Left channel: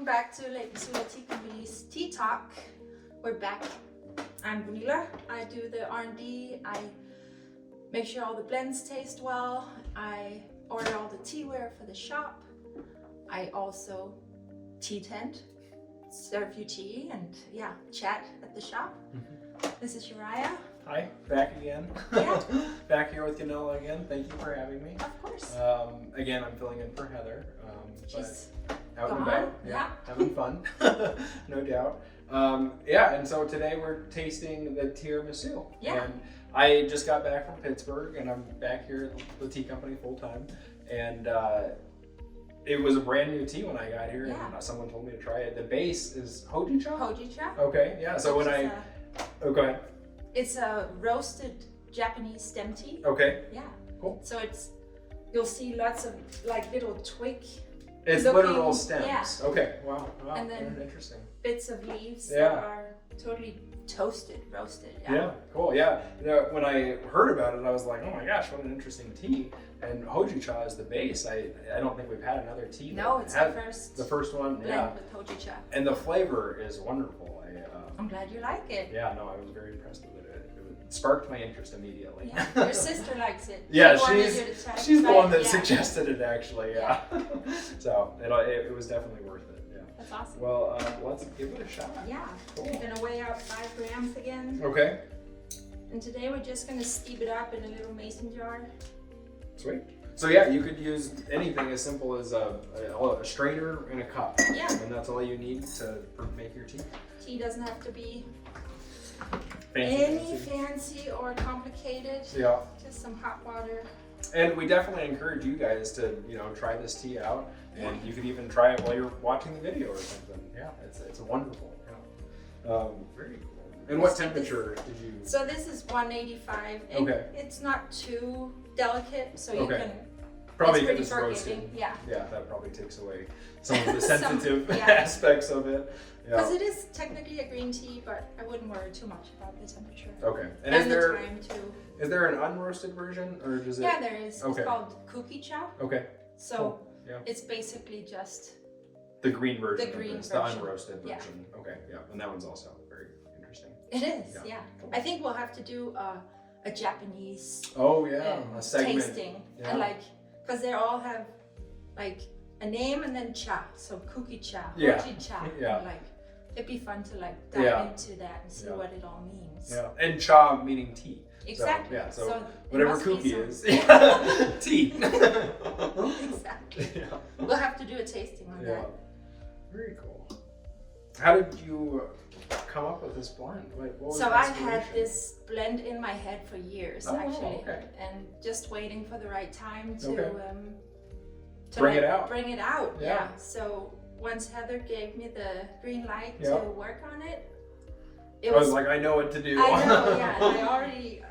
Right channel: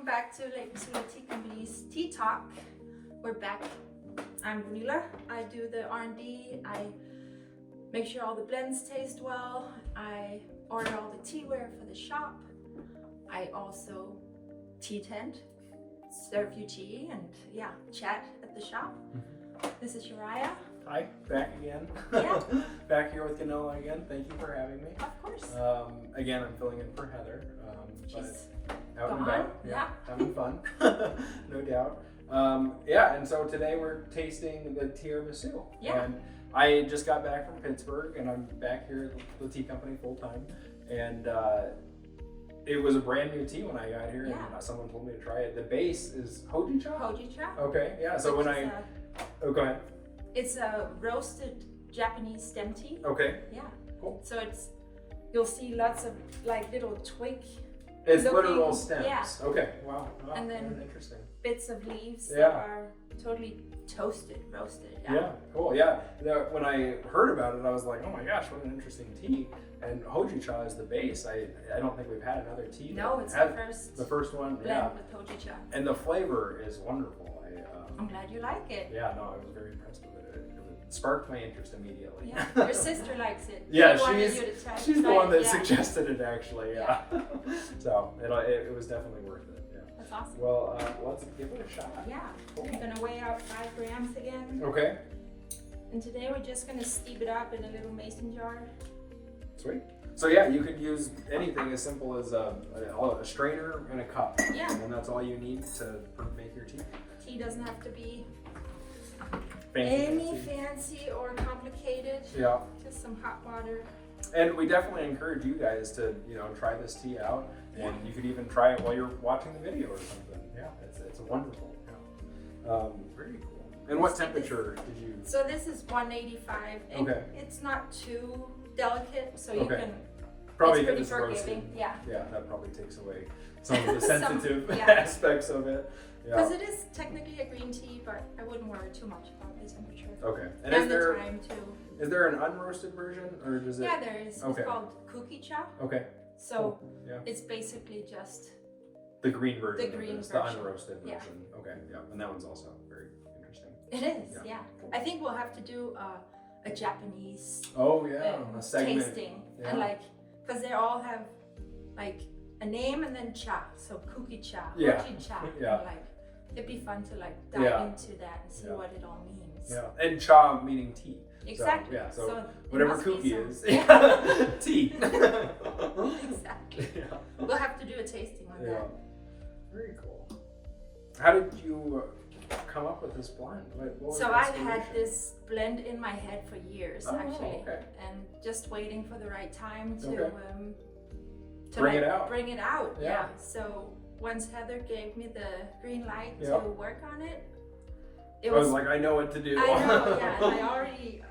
welcome back to Missoula Tea Company's Tea Talk. We're back. I'm Vanilla. I do the R&D. I make sure all the blends taste well. I order all the teaware for the shop. I also tea tent, serve you tea, and yeah, chat at the shop. This is Uriah. Hi, back again. Yeah. Back here with Ganella again. Thank you for having me. Of course. Again, I'm filling in for Heather. She's out and gone. about, Yeah. having fun, no doubt. Yeah, and so today we're tasting the Tiramisu. Yeah. And I just got back from Pittsburgh, and I'm back here at the tea company full time. And it was a brand new tea when I got here, and someone told me to try it. The base is Hoji Cha. Hoji Cha. Okay, yeah. So when oh, go ahead. It's a roasted Japanese stem tea. Okay. Yeah. Cool. So you'll see lots of like little twig. It's looking, literal stems. Yeah. Okay. Wow. And then interesting. Bits of leaves that are totally roasted. Yeah. Yeah. Cool. Yeah. When I heard about it, I was like, oh my gosh, what an interesting tea. And Hoji Cha is the base. I don't think we've had another tea. No, it's the first one. blend with Hoji Cha. And the flavor is wonderful. I'm glad you like it. Yeah. No, I was very impressed with it. It sparked my interest immediately. Yeah. Your sister likes it. Yeah, she's the one that suggested it actually. Yeah. So it was definitely worth it. Yeah. That's awesome. Well, let's give it a shot. Yeah. Cool. We're gonna weigh out 5 grams again. Okay. And today we're just gonna steep it up in a little mason jar. Sweet. So yeah, you could use anything as simple as a strainer and a cup. Yeah. And that's all you need to make your tea. Tea doesn't have to be fancy or complicated. Yeah. Just some hot water. And we definitely encourage you guys to, try this tea out. And you could even try it while you're watching the video or something. Yeah, it's wonderful. Yeah. Very cool. And what temperature did you? So this is 185. Okay. It's not too delicate, so you can. Probably it's because it's roasted. forgiving. Yeah. Yeah, that probably takes away some of the sensitive yeah. aspects of it. Because it is technically a green tea, but I wouldn't worry too much about the temperature. Okay. And the time too. Is there an unroasted version, or does it? Yeah, there is. Okay. It's called Cookie Cha. Okay. So cool. Yeah. it's basically just the green version. The green version. The unroasted Yeah. version. Okay. Yeah, and that one's also very interesting. It is. Yeah. Cool. I think we'll have to do a Japanese. Oh yeah, a segment. Tasting and because they all have like a name and then cha. So Cookie Cha, Hoji Cha. Yeah. And, it'd be fun to dive into that and see what it all means. Yeah, and cha meaning tea. Exactly. So whatever cookie is, tea. Exactly. Yeah. We'll have to do a tasting on that. Very cool. How did you come up with this blend? What was so I had this blend in my head for years, actually, and just waiting for the right time to bring it out. Bring it out. Yeah. So once Heather gave me the green light to work on it, I was like, I know what to do. I know, yeah. And I already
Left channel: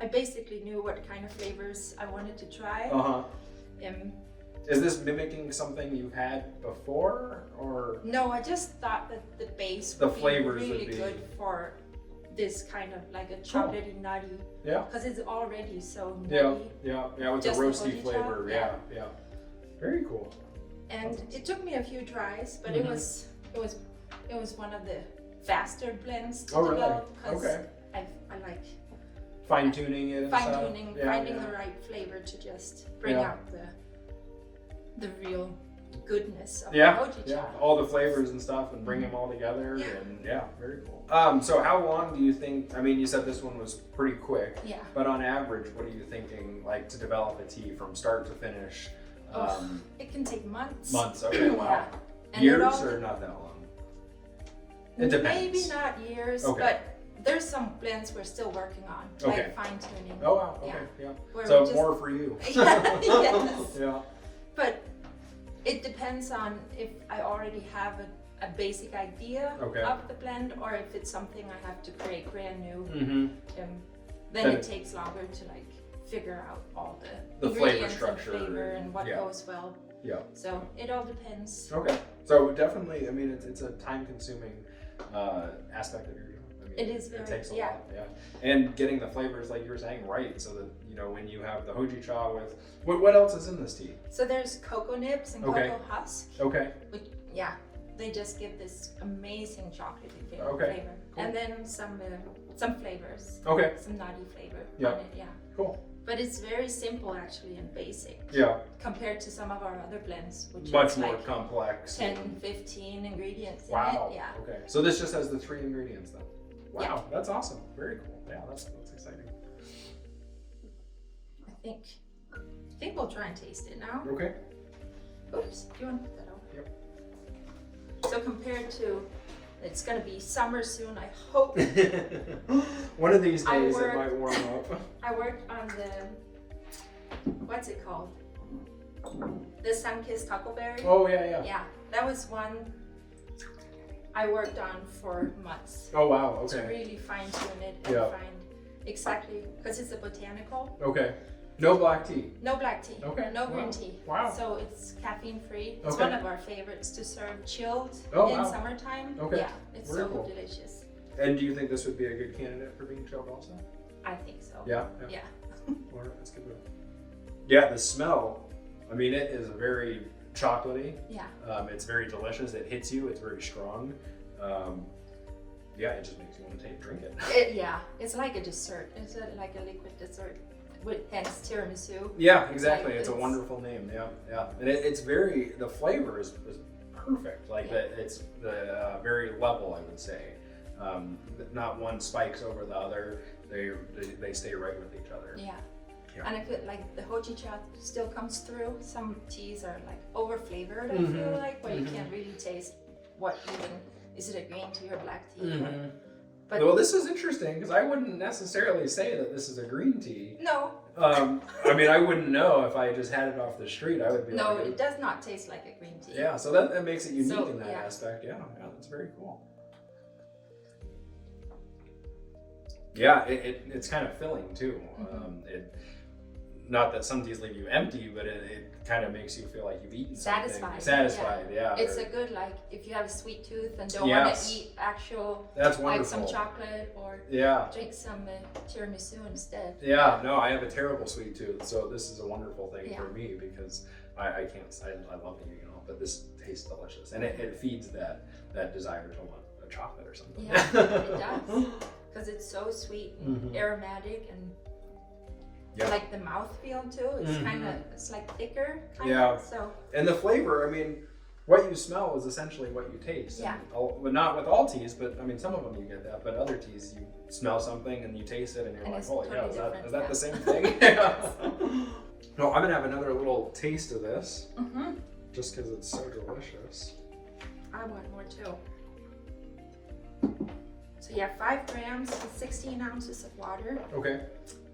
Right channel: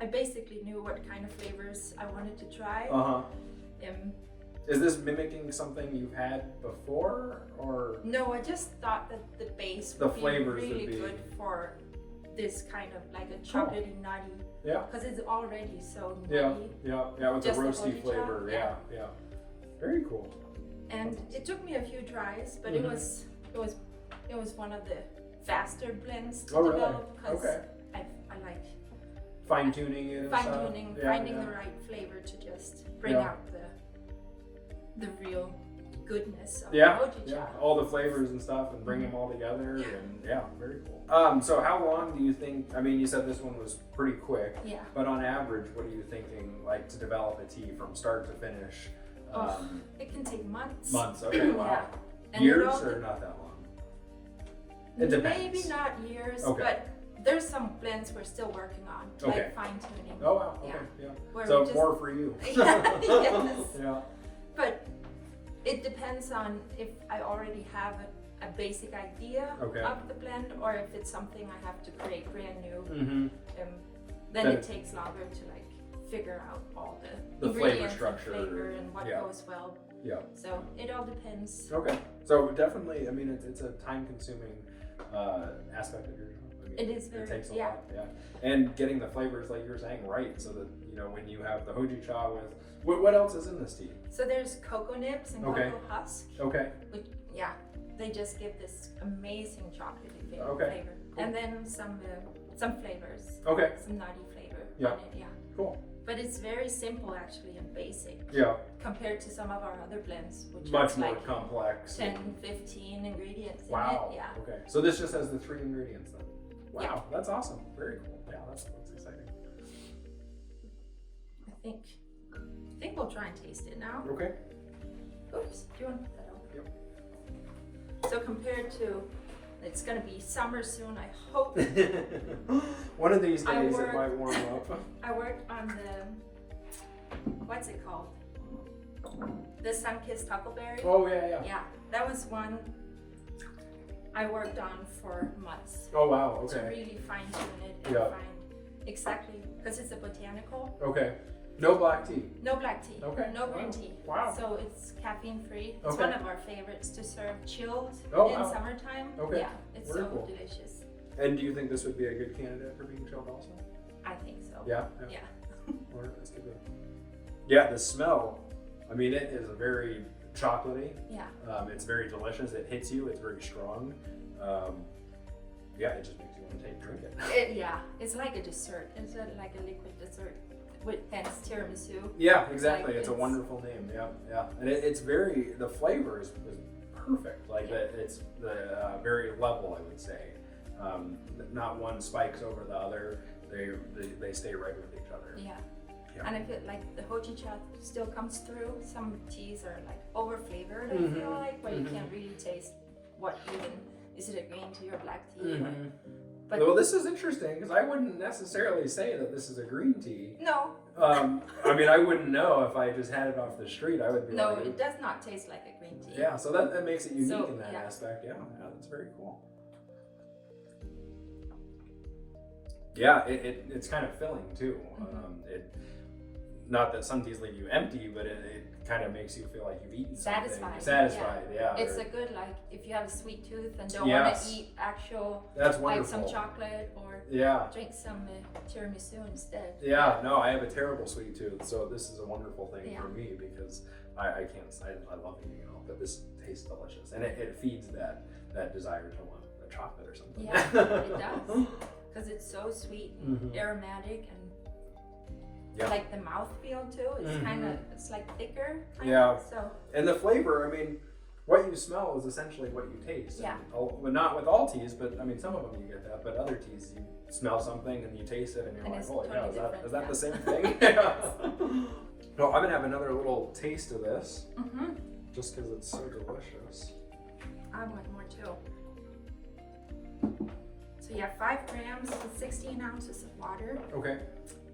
I basically knew what kind of flavors I wanted to try. Is this mimicking something you've had before, or? No, I just thought that the base would be really good for this kind of like a chocolatey nutty. Yeah. Because it's already so nutty. Yeah, with just a roasty the flavor. Yeah. Very cool. And it took me a few tries, but it was one of the faster blends to develop because I like fine-tuning it. Finding the right flavor to just bring out the real goodness of Hoji Cha. All the flavors and stuff, and bring them all together, and very cool. So how long do you think? I mean, you said this one was pretty quick. Yeah. But on average, what are you thinking, like, to develop a tea from start to finish? It can take months. Months. Okay. Wow. And years or not that long? It depends. Maybe not years, but there's some blends we're still working on, like fine tuning. Oh wow. Okay. Yeah. So more for you. Yes. Yeah. But it depends on if I already have a basic idea of the blend, or if it's something I have to create brand new. Then it takes longer to figure out all the flavor structure and flavor and what goes well. Yeah. So it all depends. Okay. So definitely, I mean, it's a time-consuming aspect of your job. I mean, it is very. It takes a lot. Yeah. And getting the flavors, like you were saying, right, so that when you have the Hoji Cha with what else is in this tea? So there's cocoa nibs and cocoa husks. Okay. yeah, they just give this amazing chocolatey flavor. Okay, cool. And then some flavors. Okay. Some nutty flavor Yeah. on it, yeah. Cool. But it's very simple actually and basic. Yeah. Compared to some of our other blends, which Much is more like complex. 10, 15 ingredients Wow. in it. Yeah. Okay. So this just has the 3 ingredients then. Wow, Yeah. that's awesome. Very cool. Yeah, that's exciting. I think we'll try and taste it now. Okay. Oops, do you want to put that over? Yep. So compared to, it's gonna be summer soon, I hope. One of these I days it work- might warm up. I worked on the, what's it called? The sun-kissed huckleberry. Oh yeah. Yeah, that was one I worked on for months. Oh wow. To Okay. really fine tune it and Yeah. find exactly, because it's a botanical. Okay. No black tea. No black tea. Okay. No Wow. green tea. Wow. So it's caffeine free. It's Okay. one of our favorites to serve chilled Oh, in wow. summertime. Okay. Yeah, it's Very so cool. delicious. And do you think this would be a good candidate for being chilled also? I think so. Yeah. Yeah. All right, that's good. Yeah, the smell. I mean, it is very chocolatey. Yeah. It's very delicious. It hits you. It's very strong. Yeah, it just makes you want to drink it. Yeah, it's like a dessert. It's like a liquid dessert with hence tiramisu. Yeah, exactly. It's a it's- wonderful name. Yeah. And it's very, the flavor is perfect. Like it's the very level, I would say. Not one spikes over the other. They stay right with each other. Yeah. Yeah. And I feel like the Hoji Cha still comes through. Some teas are like over flavored, I Mhm. feel like, where Mhm. you can't really taste what even, is it a green tea or black tea? Mhm. But Well, this is interesting because I wouldn't necessarily say that this is a green tea. no, I mean, I wouldn't know if I just had it off the street. I would be no, like, it does not taste like a green tea. yeah. So that makes it unique So, in that yeah. aspect. Yeah, that's very cool. Yeah, it's kind of filling too. Not that some teas leave you empty, but it kind of makes you feel like you've eaten Satisfied, something. Satisfied, yeah. It's a good, like, if you have a sweet tooth and don't Yes. want to eat actual, That's like wonderful. some chocolate or Yeah. drink some tiramisu instead. Yeah, no, I have a terrible sweet tooth, so this is a wonderful thing Yeah. for me because I can't, I love eating it all, but this tastes delicious. And it feeds that desire to want a chocolate or something. Yeah, it does. Because it's so sweet and Mhm. aromatic and Yeah. like the mouthfeel too. It's kind of, it's like thicker. Kind Yeah. Of, so And the flavor, I mean, what you smell is essentially what you taste. Yeah. But not with all teas, but I mean, some of them you get that, but other teas, you smell something and you taste it and you're And like, it's holy cow, totally is that different, the yeah. same thing? Yeah. No, I'm gonna have another little taste of this just because it's so delicious. I want more too. So yeah, 5 grams, 16 ounces of water, Okay.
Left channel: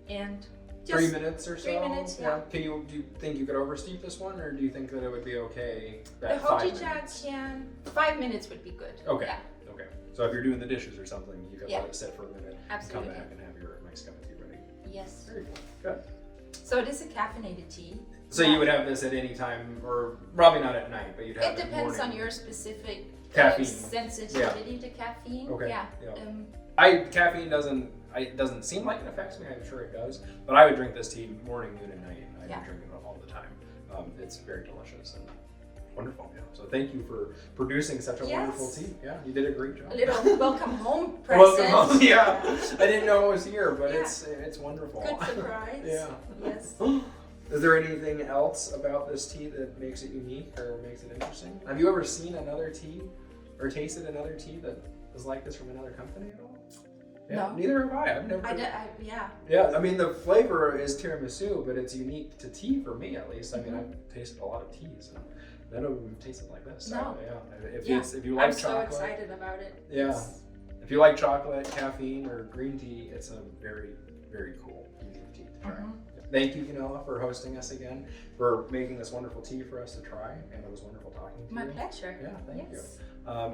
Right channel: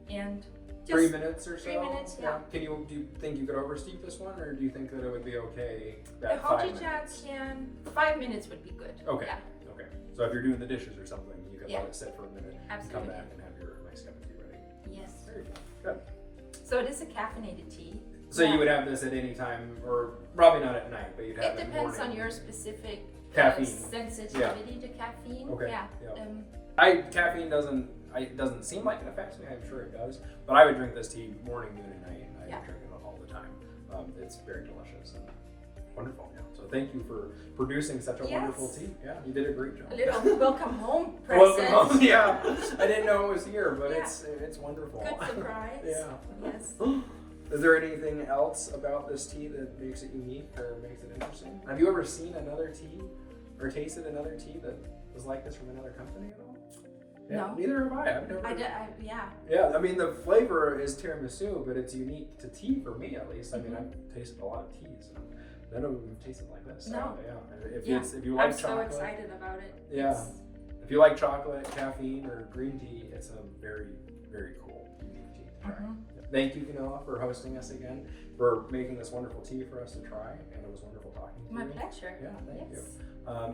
and just 3 minutes or so? 3 minutes, yeah. Do you think you could oversteep this one, or do you think that it would be okay the at 5 Hoji Cha minutes? can 5 minutes would be good. Okay. Yeah, Okay. So if you're doing the dishes or something, you can Yeah. let it sit for a minute absolutely. and come back and have your next cup of tea ready. Yes. Very good. Good. So it is a caffeinated tea. So Yeah. you would have this at any time, or probably not at night, but you'd have It it depends morning. on your specific Caffeine. sensitivity to caffeine. Okay. Yeah. Yeah. Caffeine doesn't seem like it affects me. I'm sure it does, but I would drink this tea morning, noon, and night. I Yeah. would drink it all the time. It's very delicious and wonderful. Yeah. So thank you for producing such a Yes. wonderful tea. Yeah, you did a great job. A little welcome home present. Welcome home. Yeah, I didn't know it was here, but Yeah. it's wonderful. Good surprise. Yeah. Yes. Is there anything else about this tea that makes it unique or makes it interesting? Have you ever seen another tea or tasted another tea that was like this from another company at all? Yeah, No. Neither have I. I've never. Yeah. Yeah, I mean the flavor is tiramisu, but it's unique to tea for me at least. I mean, Mhm. I've tasted a lot of teas, and none of them have tasted like this. So, No. yeah. If Yeah. you like I'm so chocolate, excited about it. Yeah. It's- if you like chocolate, caffeine, or green tea, it's a very, very cool, unique tea to try. Mhm. Thank you, Canella, for hosting us again, for making this wonderful tea for us to try, and it was wonderful talking to My you. pleasure. Yeah, thank Yes. you.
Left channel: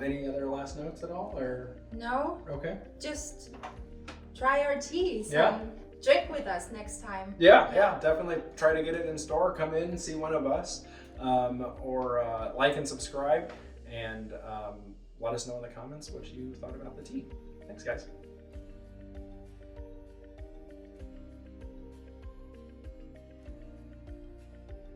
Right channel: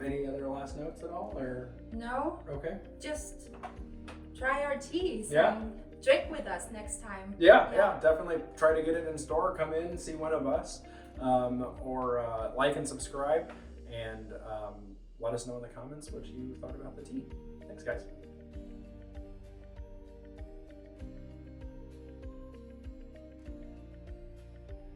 Any other last notes at all, or No, okay? just try our teas Yeah. and drink with us next time. Yeah, definitely try to get it in store. Come in, see one of us, or like and subscribe, and let us know in the comments what you thought about the tea. Thanks, guys.